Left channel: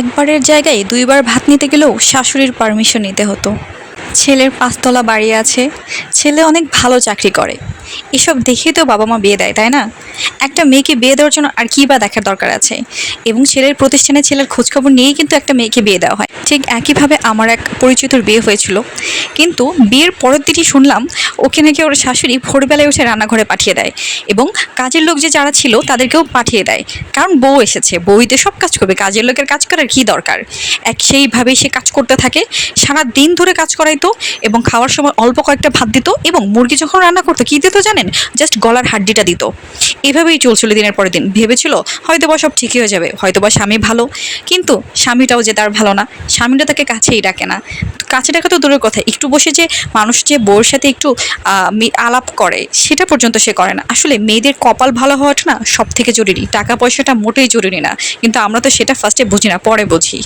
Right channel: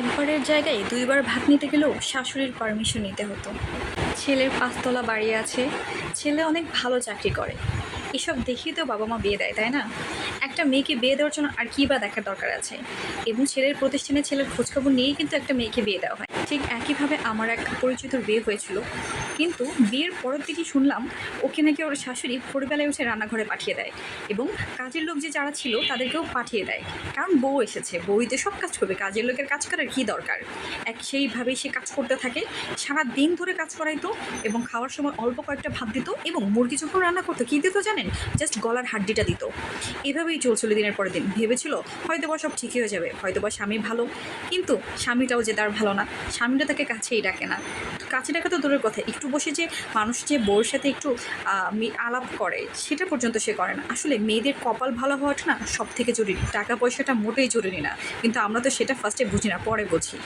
একবারের জায়গায় দুইবার ভাত নিতে গেলেও শাশুড়ির পারমিশন নিতে হতো। ছেলের ৫ তলা বাড়ি আছে, ছেলে অনেক ভালো চাকরি করে। এসব দেখেই তো বাবা মা বিয়ে দেয়, তাই না? একটা মেয়েকে বিয়ে দেওয়ার জন্য আর কী বা দেখার দরকার আছে? এবং ছেলের প্রতিষ্ঠানে ছেলের খোঁজখবর নিয়েই কিন্তু একটা মেয়েকে বিয়ে দেওয়া হয়। ঠিক একইভাবে আমার এক পরিচিতর বিয়ে হয়েছিল, কিন্তু বিয়ের পরের দিনই শুনলাম ওকে নাকি ওর শাশুড়ি ভোরবেলায় উঠে রান্নাঘরে পাঠিয়ে দেয়, এবং কাজের লোক যে যারা ছিল তাদেরকেও পাঠিয়ে দেয়। কারণ বউ এসেছে, বউই তো সব কাজ করবে, কাজের লোকের কাজ করার কী দরকার? সেইভাবেই সে কাজ করতে থাকে, সারা দিন ধরে কাজ করাইতো, এবং খাওয়ার সময় অল্প কয়েকটা ভাত দিত, এবং মুরগি যখন রান্না করতো কী দিত জানেন? জাস্ট গলার হাড্ডিটা দিত। এভাবেই চলছিল দিনের পরের দিন। ভেবেছিল হয়তোবা সব ঠিকই হয়ে যাবে, হয়তোবা স্বামী ভালো, কিন্তু স্বামীটাও যে তার ভালো না। স্বামীটা তাকে কাছেই ডাকে না। কাছে ডাকা তো দূরের কথা, একটু বসে যে মানুষ যে বউর সাথে একটু আলাপ করে সেটা পর্যন্ত সে করে না। আসলে মেয়েদের কপাল ভালো হওয়াটা না সব থেকে জরুরি, টাকা পয়সাটা মোটেই জরুরি না, কিন্তু আমরা তো সেটা ফার্স্টে বুঝি না, পরে বুঝি।